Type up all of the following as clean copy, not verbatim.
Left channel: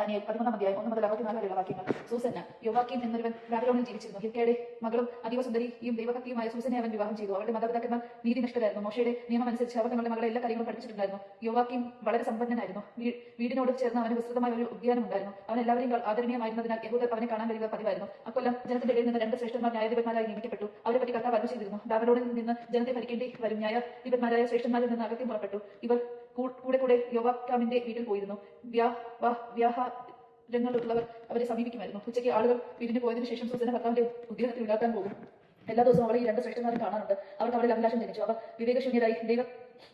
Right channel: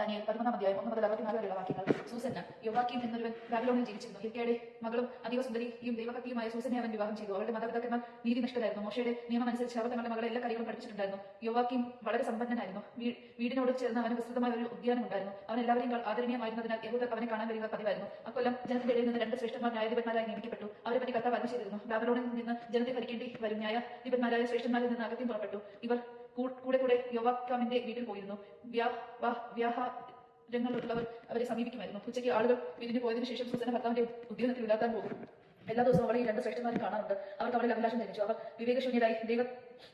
Daniel 11-ാം അധ്യായം 1 മുതൽ 64 വാക്യങ്ങൾ. സൂസന്ന യോവാക്കീം എന്നൊരുവൻ ബാബിലോണിൽ ജീവിച്ചിരുന്നു. ഹിൽക്കയുടെ മകളും അതീവ സുന്ദരിയും ദൈവഭക്തിയുമായ സൂസനെ അവൻ വിവാഹം ചെയ്തു. അവരുടെ മാതാപിതാക്കന്മാർ നീതിനിഷ്ഠരായിരുന്നു. മോശയുടെ നിയമമനുസരിച്ച് അവർ തങ്ങളുടെ മകളെ എല്ലാ കാര്യങ്ങളും പഠിപ്പിച്ചിട്ടുണ്ടായിരുന്നു. യോവാക്കീം വളരെ സമ്പന്നനായിരുന്നു. വീടിനോട് ചേർന്ന് അവന് വിസ്തൃതമായ ഒരു ഉദ്യാനം ഉണ്ടായിരുന്നു. അവൻ എല്ലാവരെയും ആദരണീയമായിരുന്നതിനാൽ യഹൂദർ അവനെ കാണാൻ വരിക പതിവായിരുന്നു. അക്കൊല്ലം ജനത്തിന്റെ ഇടയിൽ നിന്ന് 2 ശ്രേഷ്ഠന്മാർ ന്യായാധിപന്മാരായി നിയമിക്കപ്പെട്ടു. അവരെ പറ്റി കർത്താവ് അരുളി ചെയ്തിരുന്നു, ബാബിലോണിൽ നിന്ന് ജനത്തെ ഭരിക്കേണ്ടി വരും. ന്യായാധിപന്മാരായ ശ്രേഷ്ഠന്മാരിൽ നിന്ന് അകത്യം പുറപ്പെട്ടു. ഇവർ കൂടെ യോവാക്കാമിന്റെ വീട്ടിൽ പോയിരുന്നു. വ്യാഹാരങ്ങളുള്ളവർ അവരെ സമീപിക്കുമായിരുന്നു. ഉച്ചയ്ക്ക് ആളുകൾ വീടിന് പോയതിനു ശേഷം സൂസന ഭർത്താവിന്റെ ഉദ്യാനത്തിൽ വിടാക്കാൻ പോകും. എല്ലാ ദിവസവും അവളെ ഈ 2 ശ്രേഷ്ഠന്മാരും കാണാറുണ്ട്. അവർക്ക് അവളിൽ അഭിലാഷം ജനിച്ചു. അവർ വിവേകശൂന്യരായി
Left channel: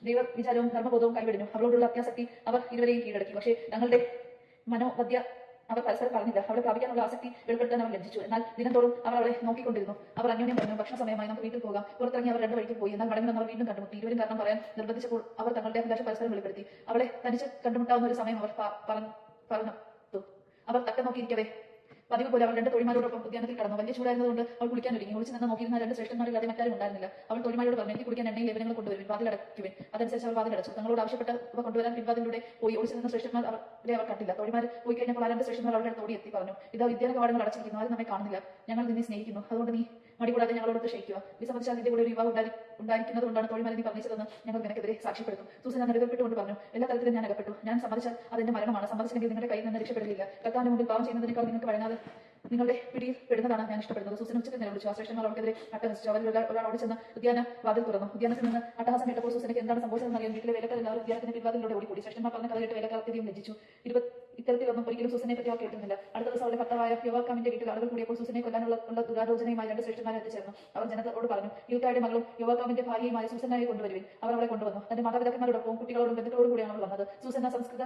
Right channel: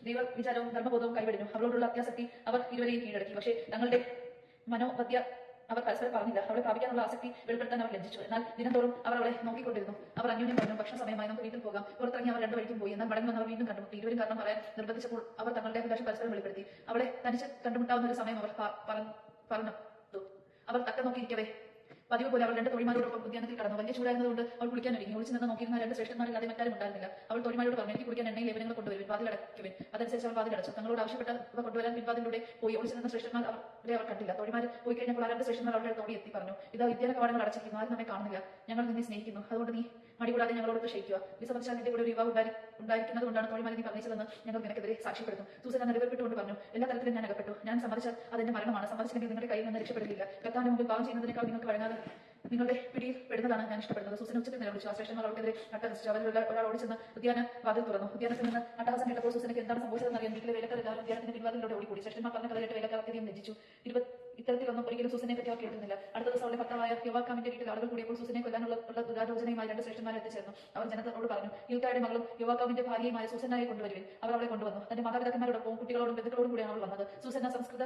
ദൈവവിചാരവും ധർമ്മബോധവും കൈവിടിഞ്ഞു. അവളോടുള്ള അത്യാസക്തി അവർ ഇരുവരെയും കീഴടക്കി. പക്ഷേ തങ്ങളുടെ മനോവദ്യ അവർ പരസ്പരം പറഞ്ഞില്ല. അവളെ പ്രാപിക്കാനുള്ള ആസക്തി വെളിപ്പെടുത്താൻ അവൾ ലഭിച്ചു. എന്നാൽ ദിനംതോറും അവർ അവളെ നോക്കിക്കൊണ്ടിരുന്നു. അവർ അന്യോന്യം പറഞ്ഞു, ഭക്ഷണ സമയമായി, നമുക്ക് വീട്ടിൽ പോകാം. പുറത്തിറങ്ങി അവർ 2 വഴിക്കും പോയി. എന്നാൽ മടങ്ങി വന്ന് അവർ വീണ്ടും കണ്ടുമുട്ടി. ഇരുവരും കാരണം പറയാൻ നിർബന്ധിച്ചപ്പോൾ അവർ തങ്ങളുടെ അഭിലാഷം പരസ്പരം വെളിപ്പെടുത്തി. അവളെ തനിച്ച് കണ്ടുമുട്ടാവുന്ന ഒരു സമയം അവർ പറഞ്ഞു. അവർ തക്കം നോക്കിയിരിക്കവേ പതിവ് പോലെ അവൾ 2 തോഴിമാരോടൊപ്പം ഉദ്യാനത്തിൽ കടന്നു. വലിയ ചൂടായിരുന്നതുകൊണ്ട് അവൾ കുളിക്കാൻ ഒരുങ്ങി. ഒളിച്ചു നിന്ന് നോക്കിയിരുന്ന 2 ശ്രേഷ്ഠന്മാരില്ലാതെ മറ്റാരും ഉണ്ടായിരുന്നില്ല. അവൾ തോഴിമാരോട് പറഞ്ഞു, എനിക്ക് കുടിക്കാൻ എണ്ണയും ലേപനങ്ങൾ കൊണ്ടുവരും, വാതിലടയ്ക്കുവിൻ. അതനുസരിച്ച് അവൾ വാതിലടച്ചു. തങ്ങളോട് ആവശ്യപ്പെട്ട ഇവ കൊണ്ടുവരാൻ പിൻവാതിലൂടെ പോയി. ഒളിച്ചു നിന്ന ശ്രേഷ്ഠന്മാർ അവരെ അവർ കണ്ടില്ല. തോഴിമാർ പോയി കഴിഞ്ഞപ്പോൾ 2 ശ്രേഷ്ഠന്മാർ അവരുടെ അടുത്തോടി എത്തി പറഞ്ഞു, ഇതാ ഉദ്യാന കവാടങ്ങൾ അടച്ചിരിക്കുന്നു, ആരും നമ്മെ കാണുന്നില്ല. ഞങ്ങൾ നിന്നെ സ്നേഹിക്കുന്നു, അതുകൊണ്ട് നീ മടികൂടാതെ ഞങ്ങളോട് ക്ഷയിക്കുക. വിസമ്മതിച്ചാൽ നിന്റെ കൂടെ ഒരു യുവാവ് ഉണ്ടായിരിക്കുന്നത് കൊണ്ടാണ് തോഴിമാരെ നീ പറഞ്ഞിച്ചതെന്ന് ഞങ്ങൾ നിനക്കെതിരെ സാക്ഷ്യപ്പെടുത്തും. സൂസൻ നിലവിൽപ്പെട്ടുകൊണ്ട് പറഞ്ഞു, എല്ലാ തരത്തിലും ഞാൻ അകപ്പെട്ടു. ഞാൻ സമ്മതിച്ചാൽ അതെന്റെ മരണമാണ്. സമ്മതിച്ചില്ലെങ്കിൽ നിങ്ങളുടെ കയ്യിൽ നിന്ന് രക്ഷപ്പെടുകയില്ല. കർത്താവിന്റെ മുമ്പിൽ പാവം ചെയ്യുന്നതിനേക്കാൾ നിങ്ങൾക്ക് വഴങ്ങാതെ നിങ്ങളുടെ പിടിയിൽ പെടുന്നതാണ് ഞാൻ ഇഷ്ടപ്പെടുന്നത്. സൂസൻ ഉച്ചത്തിൽ നിലവിളിച്ചു. ആ ശ്രേഷ്ഠന്മാർ അവൾക്കെതിരെ അട്ടഹസിച്ചു. അവരിൽ ഒരാളോട് ചെന്ന് ഉദ്യാന വാതിൽ തുറന്നു. ഉദ്യാനത്തിൽ നിന്ന് അട്ടഹാസം കേട്ടപ്പോൾ സൂസനക്ക് എന്താണ് സംഭവിച്ചതെന്ന് അറിയാൻ വീട്ടിലെ വേലക്കാർ എല്ലാവരും ഉദ്യാനത്തിന്റെ പിൻവാതിലൂടെ ഓടിക്കൂടി. ശ്രേഷ്ഠന്മാർ പറഞ്ഞ കഥ കേട്ട് വേലക്കാർ അത്യധികം ലജ്ജിച്ചു. ഇത്തരത്തിലൊന്നും ഒരിക്കലും സൂസനെ പറ്റി അവർ കേൾക്കുന്നില്ല. അടുത്ത ദിവസം അവരുടെ ഭർത്താവായ യോവാക്കാമിന്റെ വീട്ടിൽ ആളുകൾ കൂടിയപ്പോൾ സൂസനെ കൊല്ലാനുള്ള ഗൂഢാലോചനയുമായി 2 ശ്രേഷ്ഠന്മാരെ എത്തിച്ചേർന്നു. അവർ ജനത്തോട് പറഞ്ഞു, ഹിൽക്കായുടെ മകളും യോവാക്കാമിന്റെ ഭാര്യയുമായ സൂസനായി കൊണ്ടുവരുവിൻ. അവർ അവളെ കൊണ്ടുവന്നു. തന്റെ മാതാപിതാക്കന്മാരോടൊപ്പം കുട്ടികളോടും ബന്ധുക്കളോടും കൂടിയാണ് അവൾ വന്നത്. സൂസന സംസ്കൃത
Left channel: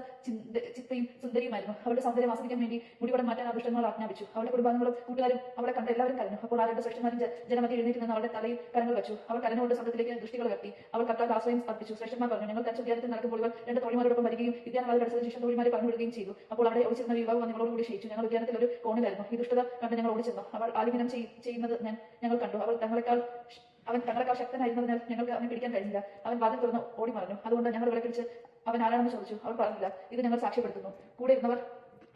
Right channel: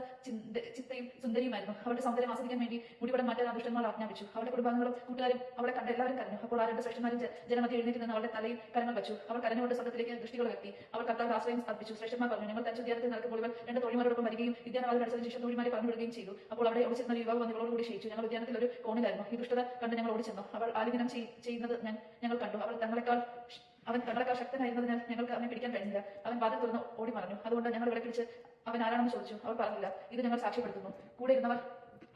ചിത്തയും സുന്ദരിയുമായിരുന്നു. അവളുടെ സൗന്ദര്യം ആസ്വദിക്കാൻ വേണ്ടി മുടിവടം മാറ്റാൻ ആ ദുഷ്ടന്മാർ ആജ്ഞാപിച്ചു. അവളുടെ കുടുംബാംഗങ്ങളും കൂട്ടുകാരും അവളെ കണ്ട് എല്ലാവരും കരഞ്ഞു. അപ്പോൾ ആ 2 ശ്രേഷ്ഠന്മാരും ജനമധ്യ എഴുന്നേറ്റ് നിന്ന് അവളുടെ തലയിൽ കരങ്ങൾ വെച്ചു. അവൾ കരഞ്ഞുകൊണ്ട് സ്വർഗ്ഗത്തിലേക്ക് ദൃഷ്ടികൾ ഉയർത്തി. അവൾ കർത്താവിന്റെ ആശ്രയം അർപ്പിച്ചു. ശ്രേഷ്ഠന്മാർ പറഞ്ഞു, ഞങ്ങൾ തനിച്ച് ഉദ്യാനത്തിൽ നടക്കുമ്പോൾ ഇവർ 2 തോഴിമാരോടൊപ്പം വരികയും ഉദ്യാനവാതിൽ അടച്ചതിന് ശേഷം തോഴിമാരെ പറഞ്ഞു വിടുകയും ചെയ്തു. അപ്പോൾ അവിടെ ഒളിച്ചിരുന്ന യുവാവ് നിങ്ങളോടുകൂടി ക്ഷയിച്ചു. ഞങ്ങൾ ഉദ്യാനത്തിൽ ഒരു കോണിലായിരുന്നു. ഈ ദുഷ്ടത കണ്ട് ഞങ്ങൾ ഓടിച്ചെന്നു. അവൾ ആലിംഗനം ചെയ്യുന്നത് ഞങ്ങൾ കണ്ടു. അവൻ തങ്ങളെക്കാൾ ശക്തനായിരുന്നതിനാൽ ഞങ്ങൾക്ക് അവനെ പിടിക്കാൻ കഴിഞ്ഞില്ല. അവൻ വാതിൽ തുറന്ന് ഓടി മറഞ്ഞു. അതുകൊണ്ട് ഞങ്ങൾ ഇവിടെ പിടിച്ച് അവൻ ആരാണെന്ന് ചോദിച്ചു. അവൾ പറഞ്ഞില്ല. ഇത് ഞങ്ങൾ സാക്ഷ്യപ്പെടുത്തുന്നു. കൂടെ ഇരുന്നവർ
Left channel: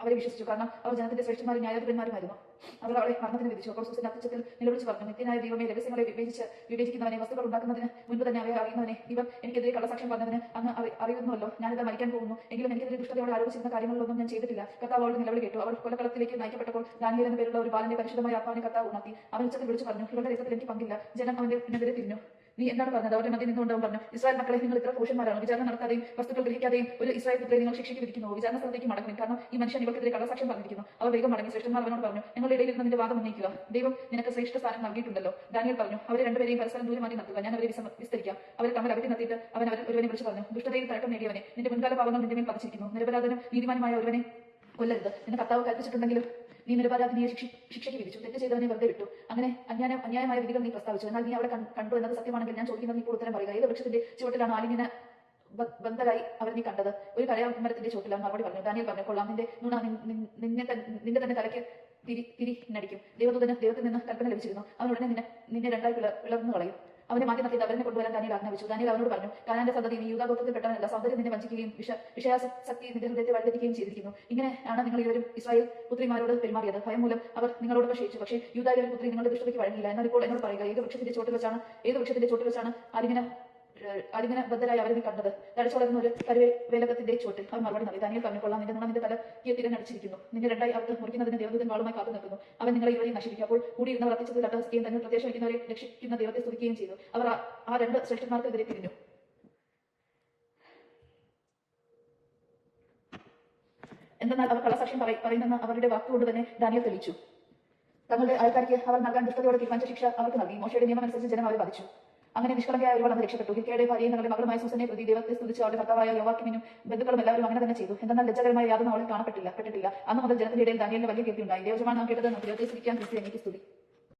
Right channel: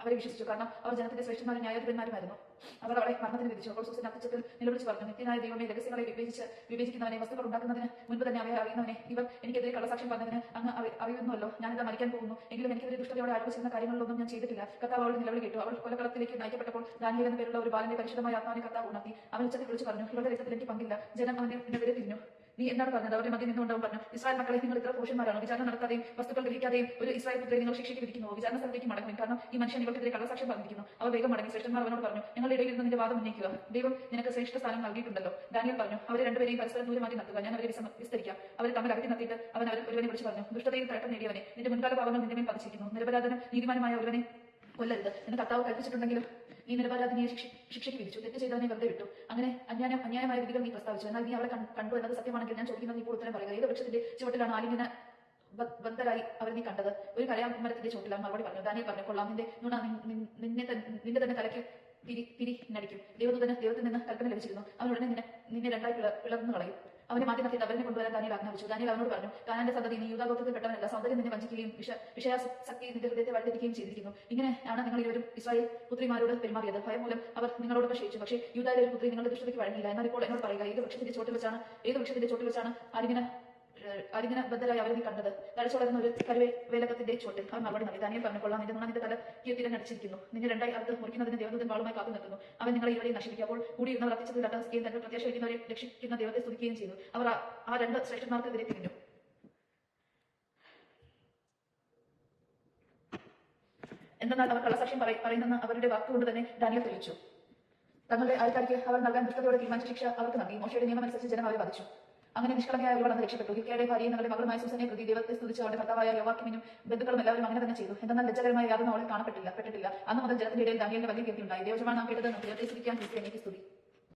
അവരെ വിശ്വസിച്ചു. കാരണം അവർ ജനത്തിന്റെ ശ്രേഷ്ഠന്മാരും ന്യായാധിപന്മാരുമായിരുന്നു. അവർ അവളെ മരണത്തിന് വിധിച്ചു. അപ്പോൾ സൂസൻ അത്യുച്ചത്തിൽ നിലവിളിച്ച് പറഞ്ഞു, നിത്യനായ ദൈവമേ, രഹസ്യങ്ങളെ വിവേചിക്കുന്നവനെ, വസ്തുക്കൾ ഉണ്ടാക്കുന്നതിന് മുൻപ് തന്നെ അവയെ അറിയുന്നവനെ, ഇവൻ എനിക്കെതിരെ കള്ളസാക്ഷ്യം പറഞ്ഞതിന് അങ്ങ് അറിയുന്നുവല്ലോ. ഞാനിതാ മരിക്കാൻ പോകുന്നു. എങ്കിലും എനിക്കെതിരെ ദുഷ്ടതയോടെ ആരോപിച്ചിരുന്ന കാര്യങ്ങളിലൊന്നും ഞാൻ ചെയ്തിട്ടില്ല. കർത്താവ് അവളുടെ നിലവിളി കേട്ടു. അവൾ കൊലക്കളത്തിലേക്ക് നയിക്കപ്പെട്ടപ്പോൾ ദാനിയേൽ എന്ന പേരുള്ള ഒരു ബാലന്റെ പരിശുദ്ധമായ ആത്മാവിനെ കർത്താവ് ഉണർത്തി. അവൻ ഉച്ചത്തിൽ വിളിച്ചു പറഞ്ഞു, ഇവരുടെ രക്തത്തിൽ എനിക്ക് പങ്കില്ല. ജനം അവനെതിരെ തിരിഞ്ഞു. നീ എന്താണ് പറഞ്ഞത്? അവരുടെ മധ്യം നിന്നുകൊണ്ടാവും പറഞ്ഞു, ഇസ്രായേൽ മക്കളെ, നിങ്ങൾ ഇത്ര ഭൂഷന്മാരാണ്. വിചാരണ നടത്താതെയും വസ്തുക്കൾ ഗ്രഹിക്കാതെയും ഒരു ഇസ്രായേൽ പുത്രെ നിങ്ങൾ ശിക്ഷിച്ചിരിക്കുന്നു. വിചാരണ സ്ഥലത്തേക്ക് മടങ്ങും, കാരണം ഈ മനുഷ്യൻ ഇവർക്കെതിരെ കള്ളസാക്ഷ്യം പറഞ്ഞിരിക്കുന്നു. അവർ വേഗം മടങ്ങി. ശ്രേഷ്ഠന്മാർ അവനോട് പറഞ്ഞു, ഞങ്ങളുടെ ഇടയിൽ നിന്ന് നിന്റെ വാദം ഉന്നയിക്കുക. ദൈവം നിനക്ക് ശ്രേഷ്ഠ സ്ഥാനം നൽകിയിട്ടുണ്ടല്ലോ. ദാനിയേൽ പറഞ്ഞു, അവരെ 2 പേരെയും പരസ്പരം ദൂരമാക്കി നിർത്തുക. ഞാൻ അവരെ വിസ്തരിക്കാം. അവരെ തമ്മിൽ അകറ്റി നിർത്തിയിട്ട് അവൻ ഒരുവനെ വിളിച്ചു പറഞ്ഞു, ദുഷ്ടതയിൽ തഴക്കം നേടിയവനെ, നിന്റെ മുൻകാല പാപങ്ങൾ നിന്റെ മേൽ പതിച്ചിരിക്കുന്നു. നിരപരാധനും നീതിമാനുമായ ഒരുവനെ കൊല്ലരുത് എന്ന് കർത്താവ് കൽപ്പിച്ചിട്ടുണ്ടെങ്കിലും നീ നിരപരാധിനിയെ ശിക്ഷയ്ക്ക് വിധിച്ചു. തെറ്റ് ചെയ്തവനെ വെറുതെ വിട്ടു. അങ്ങനെ അന്യായമായ വിധികൾ നീ പ്രസ്താവിച്ചു. എന്നാൽ നീ അവിടെ കണ്ടു എന്നത് സത്യമാണെങ്കിൽ ഞാൻ ചോദിക്കുന്നത് നീ ഉത്തരം പറയുക. ഏത് വൃക്ഷത്തിന്റെ ചുവട്ടിലാണ് ആലിംഗന ബന്ധരായി അവർ നീ കണ്ടത്? ഒരു കഴയാമരത്തിന്റെ ചോട്ടിലാണ് മറുപടി പറഞ്ഞു. ദാനിയേൽ പറഞ്ഞു, കൊള്ളാം, നിന്റെ നുണ നിന്റെ തന്നെ തലയ്ക്ക് തിരി നടിക്കും. ദൈവത്തിൽ നിന്ന് കൽപ്പന ലഭിച്ചിരുന്നു. അവൻ ഉടനെ നിന്നെ 2ആയി പിളർന്നു കളയും. അവനെ മാറ്റി നിർത്തിയിട്ട് അവരെ കൊണ്ടുവരാൻ ദാനിയേൽ ആജ്ഞാപിച്ചു. ദാനിയേൽ അവനോട് പറഞ്ഞു, കാനാന്റെ സന്തതി, നീ യൂദാഗോത്രത്തിൽ പെട്ടവനല്ല. സൗന്ദര്യം നിന്നെ വഞ്ചിക്കുകയും വിഷയാസക്തി നിന്റെ ഹൃദയത്തെ വഴിതെറ്റിക്കുകയും ചെയ്തിരിക്കുന്നു. ഇങ്ങനെയാണ് നിങ്ങൾ ഇരുവരും ഇസ്രായേൽ പുത്രിമാരോട് പെരുമാറിയത്. ഭയം മൂലം അവർ നിങ്ങളോട് ക്ഷയിച്ചു. പക്ഷേ യൂദായുടെ പുത്രി നിങ്ങളുടെ ദുഷ്ടതയ്ക്ക് വഴങ്ങിയില്ല. എന്നാൽ ഇപ്പോൾ എന്നോട് പറയുക, ഏത് വൃക്ഷത്തിന്റെ ചോട്ടിൽ വെച്ചാണ് ആലിംഗന ബദ്ധരായി അവരെ നീ കണ്ടത്? തടച്ചോടുന്ന ഒരു കരുവേലകത്തിന്റെ ചോട്ടിൽ. അവൻ മറുപടി നൽകി. ദാനിയേൽ പറഞ്ഞു, കൊള്ളാം, നിന്റെ നുണ നിന്റെ തല തിരഞ്ഞടിച്ചിരിക്കുന്നു. നിന്നെ 2ആയി അർത്ഥ മുറിക്കുന്നതിന് ദേവദൂതൻ വാളുമായി കാത്തു നിർത്തുന്നു. അവൻ നിങ്ങളെ ഇരുവരെയും നശിപ്പിക്കും. അപ്പോൾ കൂടിയിരുന്നവർ അർപ്പിച്ചതിൽ അട്ടഹസിക്കുകയും തങ്ങൾ പ്രത്യാശ വയ്ക്കുന്നവരെ രക്ഷിക്കുന്ന ദൈവത്തെ സ്തുതിക്കുകയും ചെയ്തു. അവർ ആ 2 ശ്രേഷ്ഠന്മാർക്കെതിരെ തിരിഞ്ഞു. എന്തെന്നാൽ അവർ കള്ളസാക്ഷ്യം പറയുന്നെന്ന് അവരുടെ വാക്കുകൊണ്ട് തന്നെ ദാനിയേൽ തെളിയിച്ചു. തങ്ങളുടെ അയൽക്കാർക്ക് അവർ നൽകാൻ ദുഷ്ടതയോടെ തീരുമാനിച്ച ശിക്ഷ അവർക്ക് നൽകി. മോശയുടെ നിയമമനുസരിച്ച് ജനം അവരെ വധിച്ചു. അങ്ങനെ നിഷ്കളങ്കയായ ഒരുവർ അന്ന് രക്ഷപ്പെട്ടു. ഹിൽക്കയുടെ ഭാര്യയും തങ്ങളുടെ മകളുമായ സൂസനെ പ്രതി ദൈവത്തെ സ്തുതിച്ച് അവരുടെ ഭർത്താവായ യോവാക്കിനും ബന്ധുക്കളും എല്ലാവരും അങ്ങനെ തന്നെ ചെയ്തു. എന്നാൽ ലജ്ജാകരമായ യാതൊന്നും അവളിൽ കാണപ്പെട്ടില്ല. അന്ന് മുതൽ ജനത്തിന്റെ ഇടയിൽ ദാനിയേലിന് വലിയ കീർത്തി ഉണ്ടായി. ദൈവമാണ് നാം കേട്ടതെന്ന് ദൈവത്തെ സ്തുതിക്കാൻ എനിക്ക് സ്തുതി.